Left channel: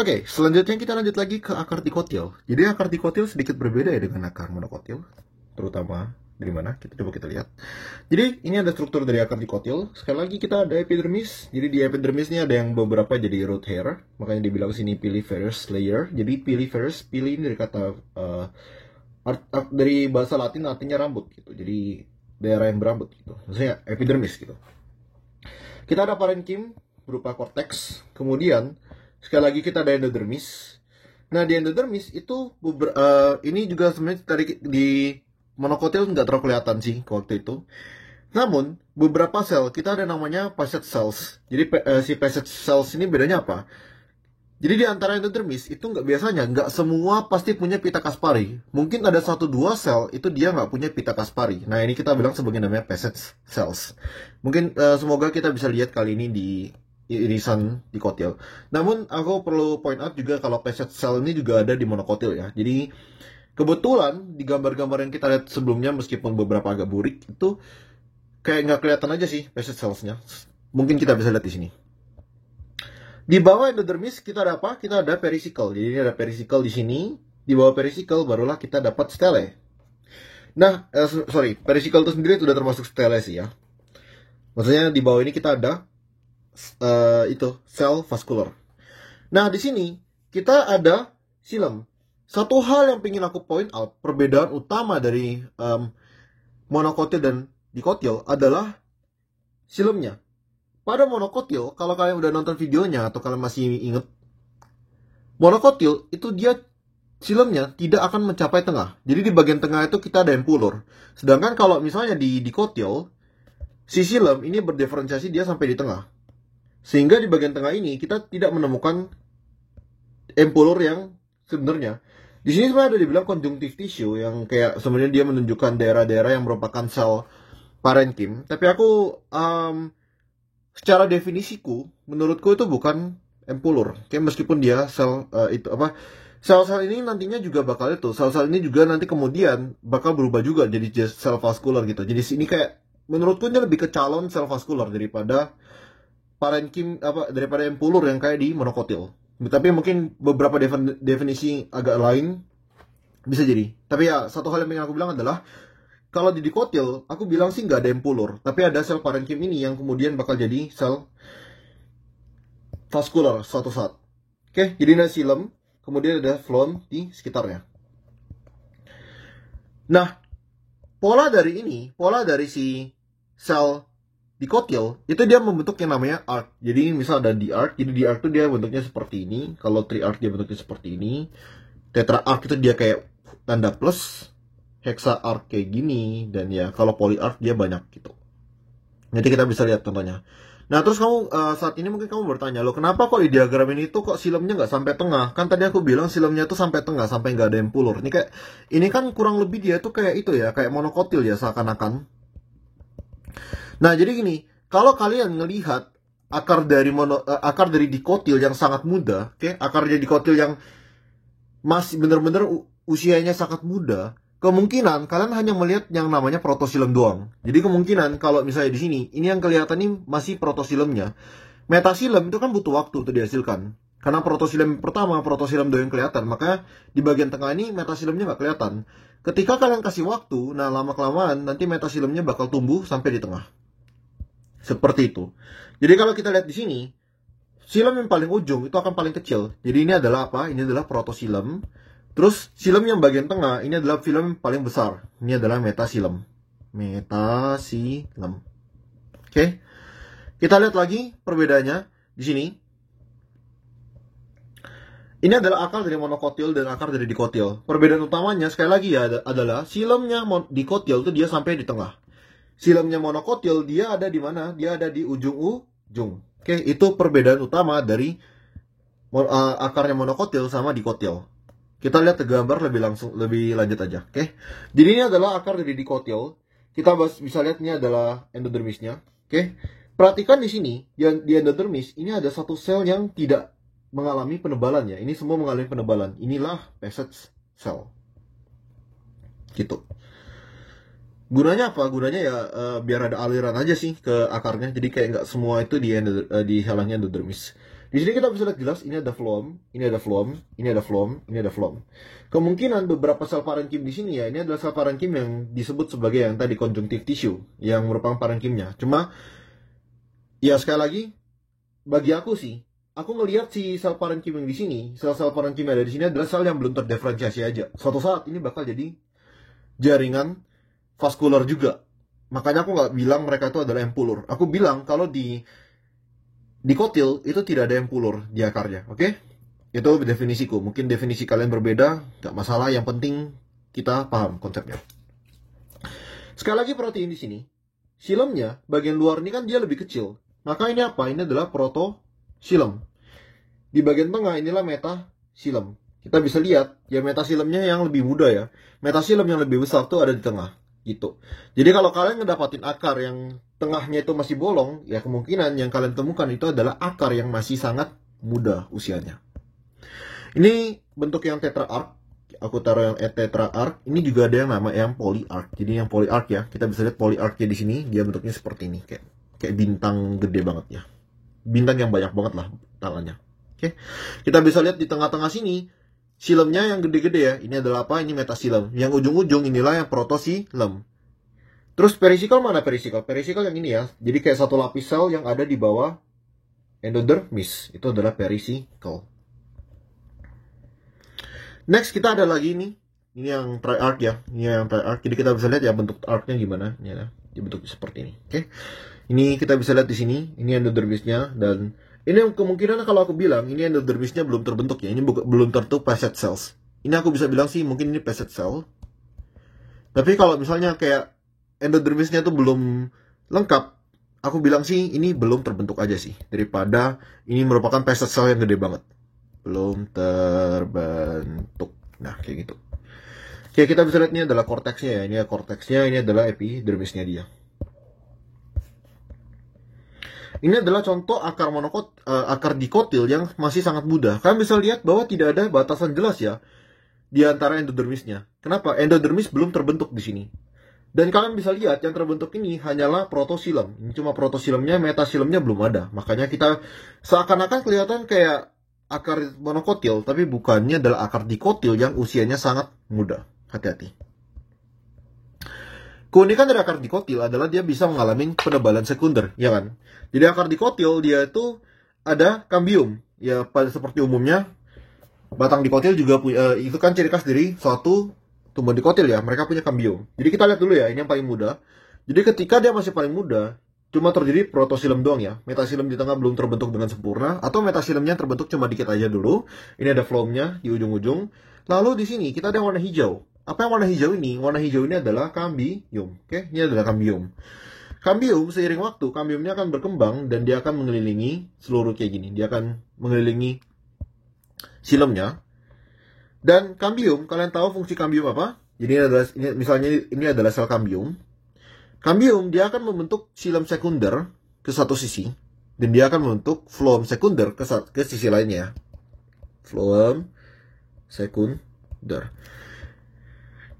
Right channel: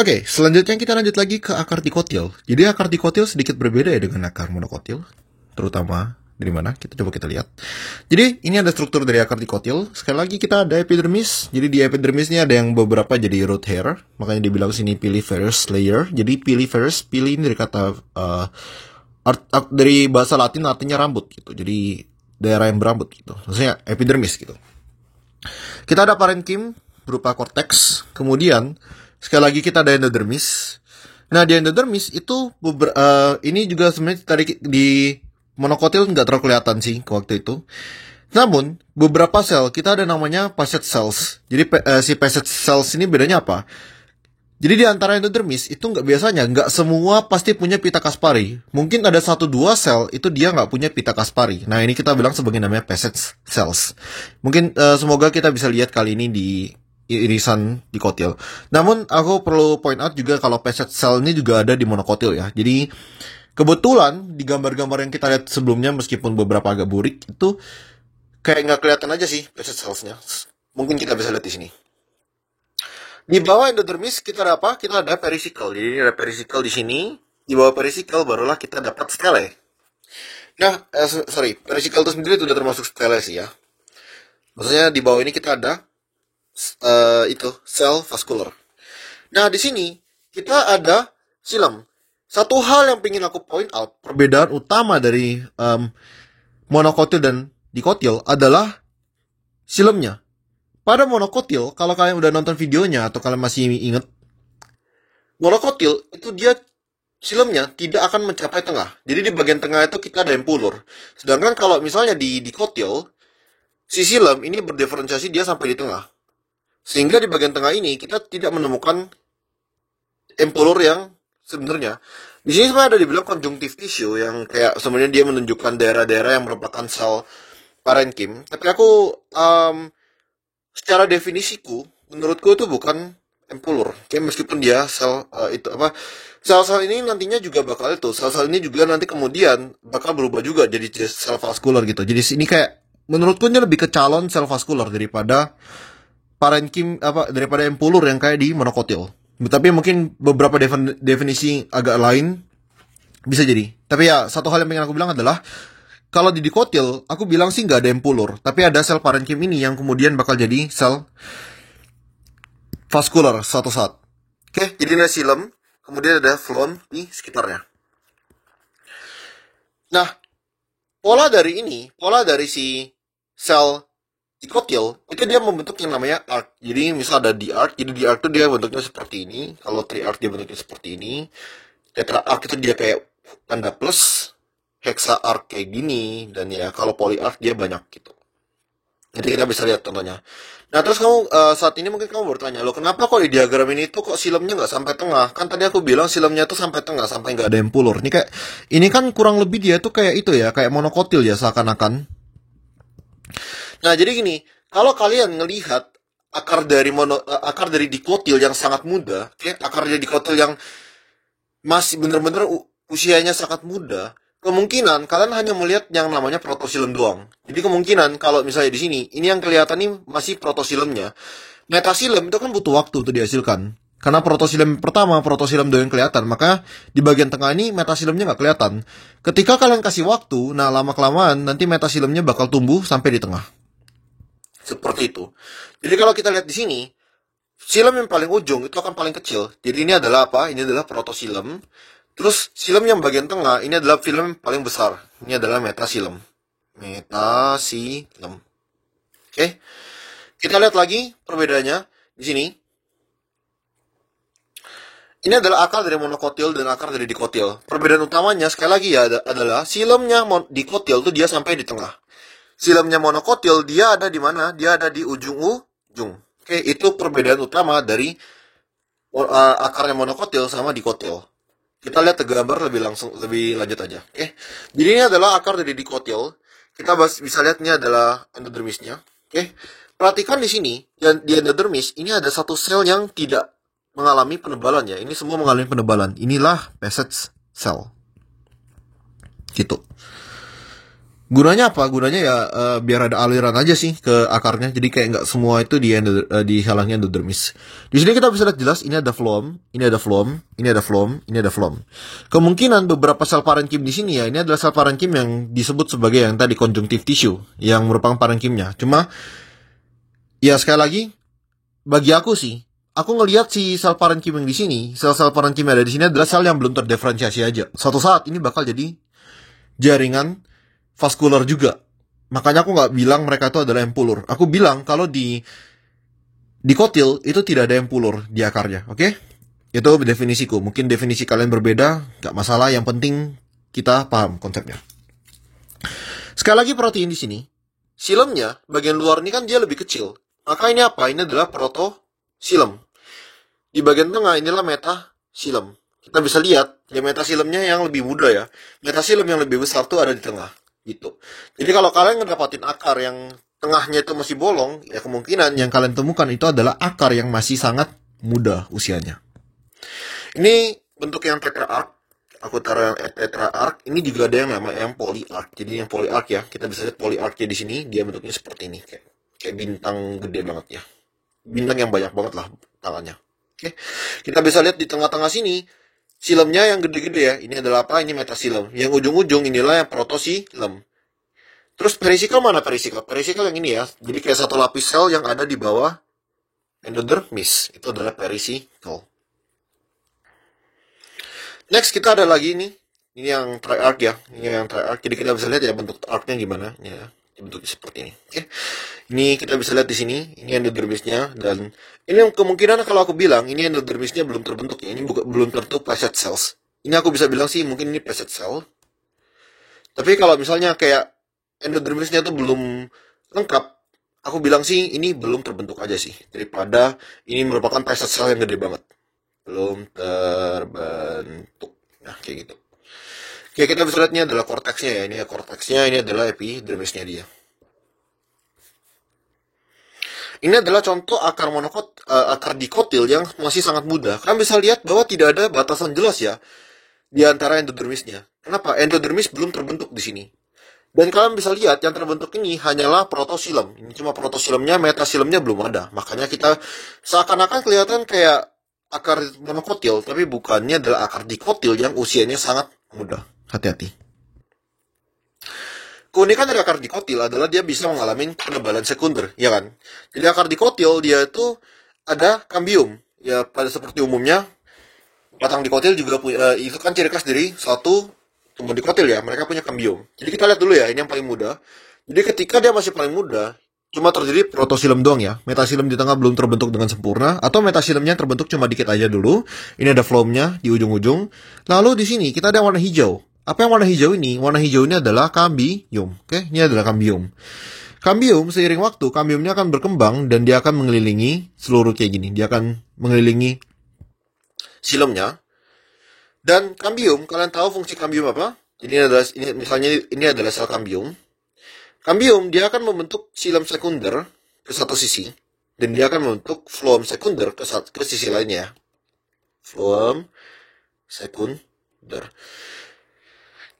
Oke, selanjutnya kita lanjut lagi ke akar dikotil. Jadi akar dikotil sedikit berbeda ya dengan akar monokotil, terutama dari mana? Kita lihat. Jadi ini ada struktur dari akar dikotil. Sekali lagi kita ada epidermis. Jadi di epidermis ini ada yang beberapa jadi root hair, makanya dibilang sini piliferous layer. Jadi piliferous, pili ini dari kata dari bahasa Latin artinya rambut gitu. Jadi daerah yang berambut gitu. Maksudnya epidermis gitu. Kita ada parenkim berupa korteks. Kemudian sekali lagi kita ada endodermis. Nah di endodermis itu ini juga sebenarnya tadi di monokotil nggak terlalu kelihatan sih waktu itu. Namun beberapa sel kita ada namanya facet cells. Jadi si facet cells ini bedanya apa? Jadi di antara endodermis itu nggak semua pasti punya pita Kaspari. Mungkin ada 1-2 sel itu dia nggak punya pita Kaspari. Nah ini kita bilang sebagai namanya facet cells. Mungkin semoga kita bisa lihat kali ini di irisan dikotil. Namun aku perlu point out juga kalau facet cell ini juga ada di monokotil ya. Jadi kebetulan di gambar-gambar yang kita lihat sebelumnya meskipun beberapa agak burik itu kayak nggak kelihatan aja sih facet cellsnya. Mungkin kita bisa lihat di sini. Di bawah endodermis kita ada apa? Kita ada perisikel. Jadi ini ada perisikel di sini. Di bawah perisikel barulah kita dapat stele. Nah, perisikel itu sendiri sudah termasuk stele sih ya. Maksudnya di bawah ini kita ada sel vaskular. Nah, di sini kita ada silem. Satu hal yang ingin aku point out, perbedaan utama dari monokotil dan dikotil adalah silemnya. Pada monokotil, kalau kalian udah nonton videonya atau kalian masih ingat, monokotil itu dia silemnya tidak akan mencapai tengah. Jadi di bagian tengah itu kita ada empulur. Sedangkan kalau misalnya di dikotil, si silem ini berdiferensiasi dia sampai di tengah. Sehingga di bagian tengah ini kita tidak menemukan empulur yang sebenarnya. Di sini sebenarnya ada dibilang conjunctive tissue yang kayak sebenarnya dia menunjukkan daerah-daerah yang merupakan sel parenkim. Tapi aku secara definisiku, menurutku itu bukan empulur. Kayak meskipun dia sel sel-sel ini nantinya juga bakal itu. Sel-sel ini juga nanti kemudian bakal berubah juga jadi sel vaskular gitu. Jadi ini kayak menurutku ini lebih ke calon sel vaskular daripada parenkim daripada empulur yang kayak di monokotil. Tapi mungkin beberapa definisi agak lain bisa jadi. Tapi ya satu hal yang pengen aku bilang adalah kalau di dikotil, aku bilang sih nggak ada empulur, tapi ada sel parenkim ini yang kemudian bakal jadi sel vaskular suatu saat. Oke, jadi ini silem, kemudian ada flon di sekitarnya. Nah, pola dari si sel dikotil, itu dia membentuk yang namanya arc. Jadi misal ada di arc, jadi di arc itu dia bentuknya seperti ini. Kalau tri-arc dia bentuknya seperti ini. Tetra-arc itu dia kayak tanda plus. Hexa-arc kayak gini. Dan ya kalau poly-arc dia banyak gitu. Nanti kita bisa lihat contohnya. Nah terus kamu saat ini mungkin kamu bertanya, loh kenapa kok di diagram ini tuh kok silemnya nggak sampai tengah? Kan tadi aku bilang silemnya tuh sampai tengah, sampai nggak ada empulur. Ini kan kurang lebih dia tuh kayak itu ya, kayak monokotil ya seakan-akan. Nah jadi gini, kalau kalian ngelihat akar dari dikotil yang sangat muda, akar dari dikotil yang masih bener-bener usianya sangat muda, kemungkinan kalian hanya melihat yang namanya protosilem doang. Jadi kemungkinan kalau misalnya di sini, ini yang kelihatan nih masih protosilemnya. Metasilem itu kan butuh waktu untuk dihasilkan. Karena protosilem pertama, protosilem doang yang kelihatan. Maka di bagian tengah ini metasilemnya nggak kelihatan. Ketika kalian kasih waktu, nah lama-kelamaan nanti metasilemnya bakal tumbuh sampai di tengah. Seperti itu. Jadi kalau kita lihat di sini, silem yang paling ujung itu akan paling kecil. Jadi ini adalah apa? Ini adalah protosilem. Terus silem yang bagian tengah ini adalah film paling besar. Ini adalah metasilem. Metasilem. Oke. Kita lihat lagi perbedaannya di sini. Ini adalah akar dari monokotil dan akar dari dikotil. Perbedaan utamanya sekali lagi ya adalah silemnya dikotil itu dia sampai di tengah. Silemnya monokotil dia ada di mana? Dia ada di ujung. Oke, itu perbedaan utama dari akarnya monokotil sama dikotil. Kita lihat ke gambar lebih lanjut aja. Oke. Jadi ini adalah akar dari dikotil. Kita bisa lihat ini adalah endodermisnya. Oke. Perhatikan di sini, di endodermis ini ada satu sel yang tidak mengalami penebalan ya. Ini semua mengalami penebalan. Inilah facet cell. Gitu. Gunanya apa? Gunanya ya biar ada aliran aja sih ke akarnya. Jadi kayak nggak semua itu dihalangi endodermis. Di sini kita bisa lihat jelas ini ada phloem, ini ada phloem, ini ada phloem, ini ada phloem. Kemungkinan beberapa sel parenkim di sini ya, ini adalah sel parenkim yang disebut sebagai yang tadi conjunctive tissue yang merupakan parenkimnya. Cuma ya sekali lagi bagi aku sih, aku ngelihat si sel parenkim yang di sini, sel-sel parenkim yang ada di sini adalah sel yang belum terdiferensiasi aja. Suatu saat ini bakal jadi jaringan vaskular juga. Makanya aku nggak bilang mereka itu adalah empulur. Aku bilang kalau di kotil itu tidak ada empulur di akarnya, oke? Itu definisiku. Mungkin definisi kalian berbeda, nggak masalah. Yang penting kita paham konsepnya. Sekali lagi protein di sini, silemnya bagian luar ini kan dia lebih kecil. Maka ini apa? Ini adalah protosilem. Di bagian tengah inilah metasilem. Kita bisa lihat ya metasilemnya yang lebih muda ya. Metasilem yang lebih besar tuh ada di tengah. Gitu. Jadi kalau kalian ngedapatin akar yang tengahnya itu masih bolong, ya kemungkinan yang kalian temukan itu adalah akar yang masih sangat muda usianya. Ini bentuk yang tetraarch. Aku taruh yang tetraarch. Ini juga ada yang namanya yang polyarch. Jadi yang polyarch ya, kita bisa lihat polyarchnya di sini, dia bentuknya seperti ini, kayak bintang gede banget ya. Bintang yang banyak banget lah tangannya. Oke. Kita bisa lihat di tengah-tengah sini silemnya yang gede-gede ya. Ini adalah apa? Ini metasilem. Yang ujung-ujung inilah yang protosilem. Terus perisikal mana perisikal? Perisikal yang ini ya. Jadi kayak satu lapis sel yang ada di bawah endodermis. Itu adalah perisikal. Next kita ada lagi ini. Ini yang triarch ya. Ini yang triarch. Jadi kita bisa lihat ya bentuk arc-nya gimana. Ya, bentuknya seperti ini. Oke. Ini kita bisa lihat di sini. Ini endodermisnya. Dan ini yang kemungkinan kalau aku bilang ini endodermisnya belum terbentuk ya. Ini belum tentu facet cells. Ini aku bisa bilang sih mungkin ini facet cell. Tapi kalau misalnya kayak endodermisnya tuh belum lengkap, aku bilang sih ini belum terbentuk aja sih. Daripada ini merupakan facet cell yang gede banget. Belum terbentuk. Nah kayak gitu. Oke, kita bisa lihat ini adalah korteksnya ya. Ini korteksnya, ini adalah epidermisnya dia. Ini adalah contoh akar akar dikotil yang masih sangat muda. Kalian bisa lihat bahwa tidak ada batasan jelas ya di antara endodermisnya. Kenapa? Endodermis belum terbentuk di sini. Dan kalian bisa lihat yang terbentuk ini hanyalah protosilem. Ini cuma protosilemnya, metasilemnya belum ada. Makanya kita seakan-akan kelihatan kayak akar monokotil, tapi bukannya adalah akar dikotil yang usianya sangat muda. Hati-hati. Keunikan dari akar dikotil adalah dia bisa mengalami penebalan sekunder, ya kan? Jadi akar dikotil dia itu ada kambium, ya pada seperti umumnya batang dikotil juga itu kan ciri khas dari suatu tumbuhan dikotil ya, mereka punya kambium. Jadi kita lihat dulu ya, ini yang paling muda. Jadi ketika dia masih paling muda, cuma terjadi protosilem doang ya, metasilem di tengah belum terbentuk dengan sempurna, atau metasilemnya terbentuk cuma dikit aja dulu. Ini ada phloemnya di ujung-ujung. Lalu di sini kita ada warna hijau. Apa yang warna hijau ini? Warna hijau ini adalah kambium. Oke, ini adalah kambium. Kambium seiring waktu, kambiumnya akan berkembang dan dia akan mengelilingi seluruh kayak gini. Dia akan mengelilingi silemnya. Dan kambium, kalian tahu fungsi kambium apa? Jadi ini adalah sel kambium. Kambium dia akan membentuk silem sekunder ke satu sisi dan dia akan membentuk phloem sekunder ke sisi lainnya. Phloem sekunder.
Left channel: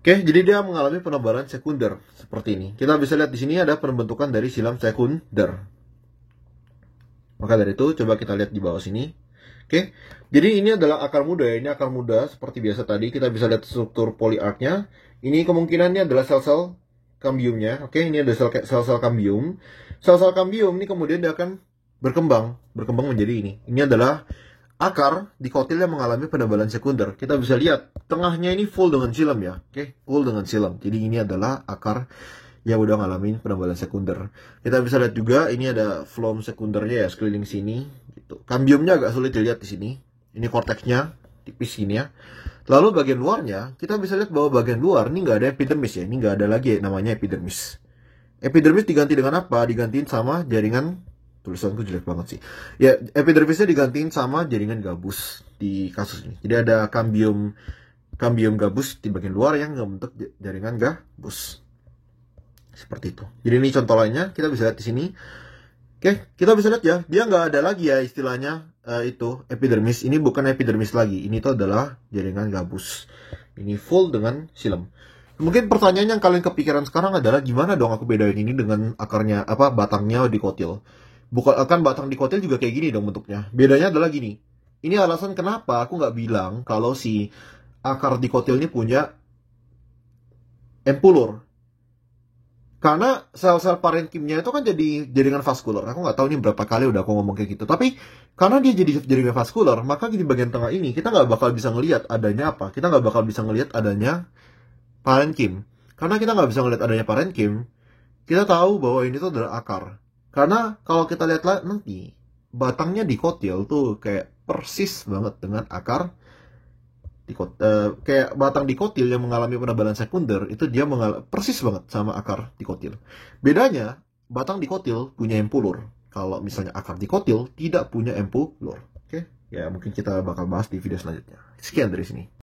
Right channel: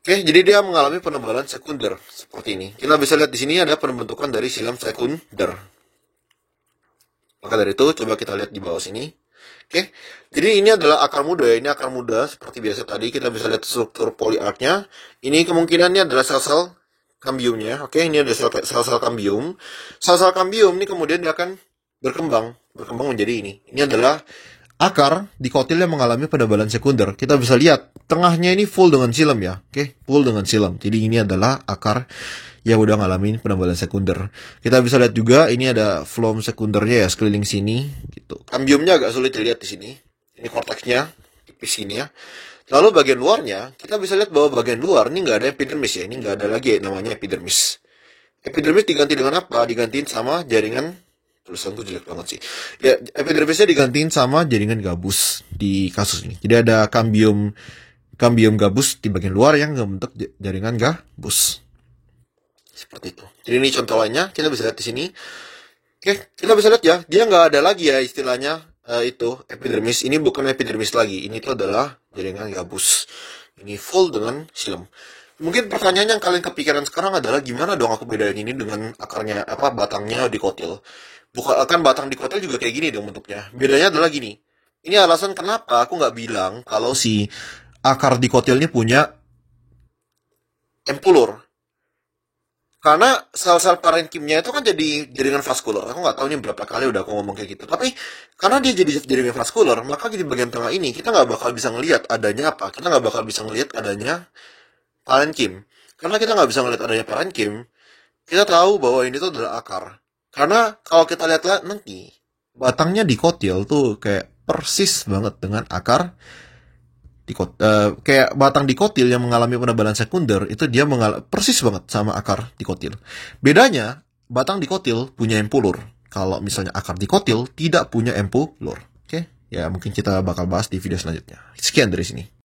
Oke, jadi dia mengalami penebalan sekunder seperti ini. Kita bisa lihat di sini ada pembentukan dari silem sekunder. Maka dari itu coba kita lihat di bawah sini. Oke, jadi ini adalah akar muda ya. Ini akar muda seperti biasa tadi. Kita bisa lihat struktur polyarchnya. Ini kemungkinannya adalah sel-sel kambiumnya. Oke, ini ada sel-sel kambium. Sel-sel kambium ini kemudian dia akan berkembang menjadi ini. Ini adalah akar dikotil yang mengalami penebalan sekunder. Kita bisa lihat tengahnya ini full dengan silem ya. Oke, full dengan silem. Jadi ini adalah akar yang udah ngalamin penebalan sekunder. Kita bisa lihat juga ini ada phloem sekundernya ya sekeliling sini gitu. Kambiumnya agak sulit dilihat di sini. Ini korteksnya tipis sini ya. Lalu bagian luarnya kita bisa lihat bahwa bagian luar ini nggak ada epidermis ya. Ini nggak ada lagi namanya epidermis. Epidermis diganti dengan apa? Digantiin sama jaringan, tulisanku jelek banget sih. Ya, epidermisnya digantiin sama jaringan gabus di kasus ini. Jadi ada kambium gabus di bagian luar yang membentuk jaringan gabus. Seperti itu. Jadi ini contoh lainnya, kita bisa lihat di sini. Oke, kita bisa lihat ya, dia nggak ada lagi ya istilahnya itu epidermis. Ini bukan epidermis lagi. Ini tuh adalah jaringan gabus. Ini full dengan silem. Mungkin pertanyaan yang kalian kepikiran sekarang adalah gimana dong aku bedain ini dengan akarnya apa batangnya dikotil. Bukan akan batang dikotil juga kayak gini dong bentuknya. Bedanya adalah gini. Ini alasan kenapa aku nggak bilang kalau si akar dikotil ini punya empulur. Karena sel-sel parenkimnya itu kan jadi jaringan vaskular. Aku nggak tahu ini berapa kali udah aku ngomong kayak gitu. Tapi karena dia jadi jaringan vaskular, maka di bagian tengah ini kita nggak bakal bisa ngelihat adanya apa. Kita nggak bakal bisa ngelihat adanya parenkim. Karena kita nggak bisa ngelihat adanya parenkim, kita tahu bahwa ini tuh adalah akar. Karena kalau kita lihat nanti, batangnya dikotil tuh kayak persis banget dengan akar kayak batang dikotil yang mengalami penebalan sekunder itu dia persis banget sama akar dikotil. Bedanya batang dikotil punya empulur. Kalau misalnya akar dikotil tidak punya empulur. Oke, ya mungkin kita bakal bahas di video selanjutnya. Sekian dari sini.